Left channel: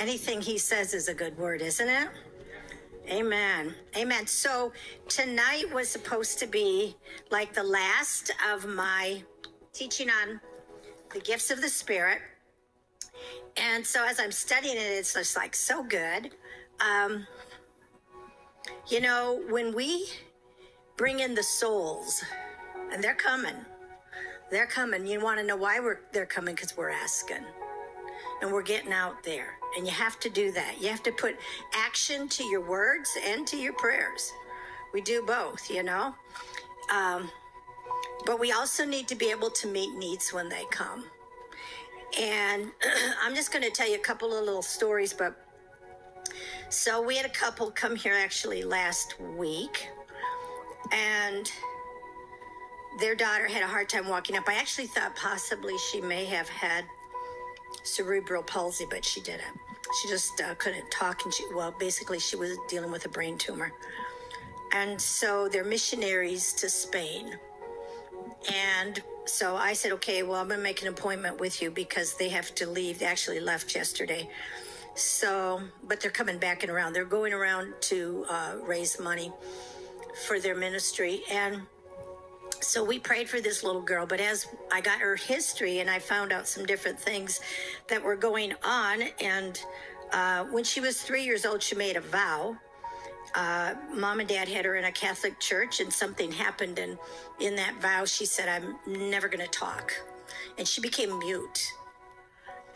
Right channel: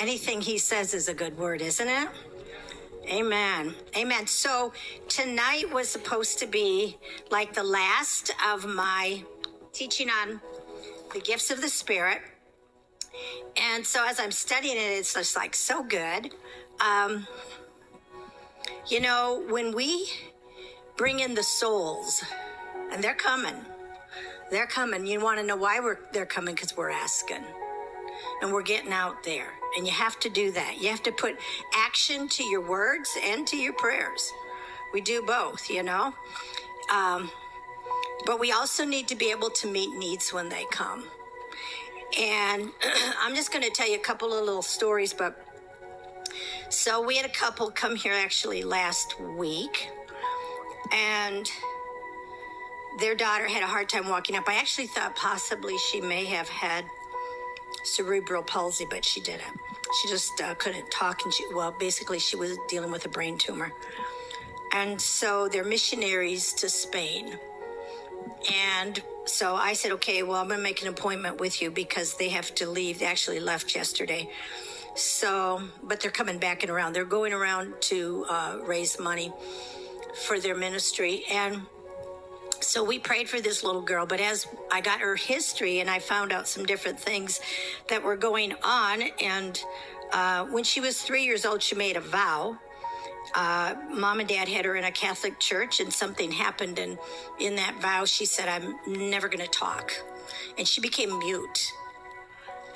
Anything he says is a good word, isn't it? Amen. Amen. So tonight was supposed to be like the last of my teaching on the gifts of the Spirit. And so as I'm studying it, it's just like so good. You know, when we bring in the souls, and they're coming, you want to know why they're coming? Because we're asking. And we're getting out there. And you have to do that. You have to put action to your words and to your prayers. We do both, you know. But we also need to be able to meet needs when they come. And I'm just going to tell you a couple of little stories. But so we had a couple come here actually last week. And their daughter had a hard time walking up. I actually thought possibly she may have had cerebral palsy, but she didn't. She just couldn't talk, and basically she was dealing with a brain tumor. And so they're missionaries to Spain. And so I said, okay, well, I'm going to make an appointment with you because they have to leave. They actually left yesterday. So, but they're coming back and around. They're going around to raise money for their ministry. And so we prayed for this little girl, but as I got her history and I found out some different things that were going on, and when she was 3 years old, she made a vow. Mom and Dad had her in a Catholic church, and something happened, and in that vow, she said, I'm never going to talk. And she became mute.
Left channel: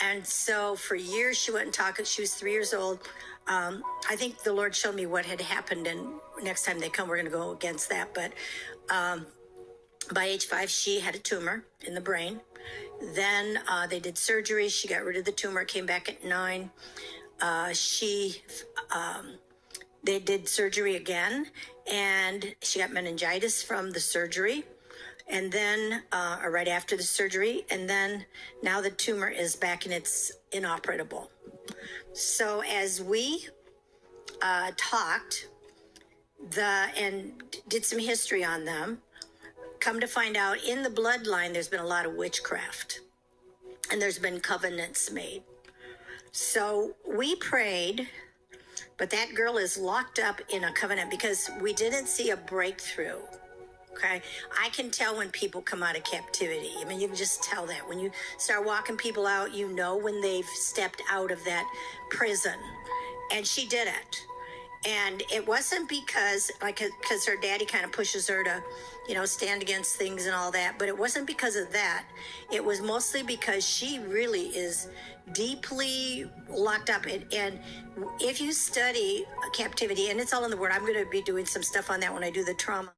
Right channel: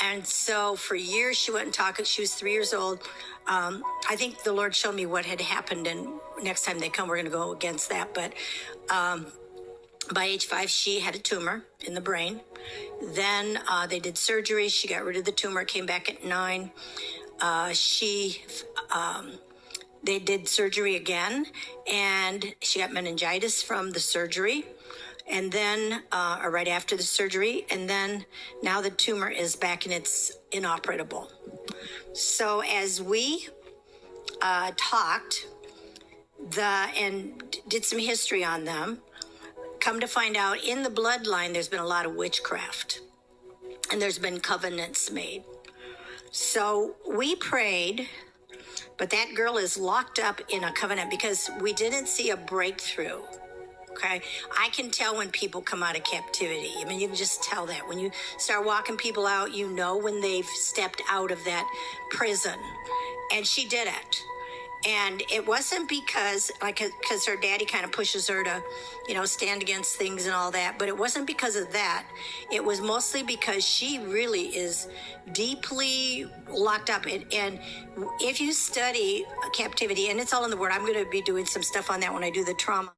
And so for years, she wouldn't talk. She was 3 years old. I think the Lord showed me what had happened, and next time they come, we're going to go against that. But by age 5, she had a tumor in the brain. Then they did surgery. She got rid of the tumor, came back at 9. They did surgery again, and she got meningitis from the surgery. And then, or right after the surgery, and then now the tumor is back and it's inoperable. So as we talked and did some history on them, come to find out in the bloodline, there's been a lot of witchcraft, and there's been covenants made. So we prayed, but that girl is locked up in a covenant because we didn't see a breakthrough. Okay, I can tell when people come out of captivity. I mean, you can just tell that. When you start walking people out, you know when they've stepped out of that prison. And she did it. And it wasn't because her daddy kind of pushes her to, stand against things and all that. But it wasn't because of that. It was mostly because she really is deeply locked up. And if you study captivity, and it's all in the Word, I'm going to be doing some stuff on that when I do the trauma.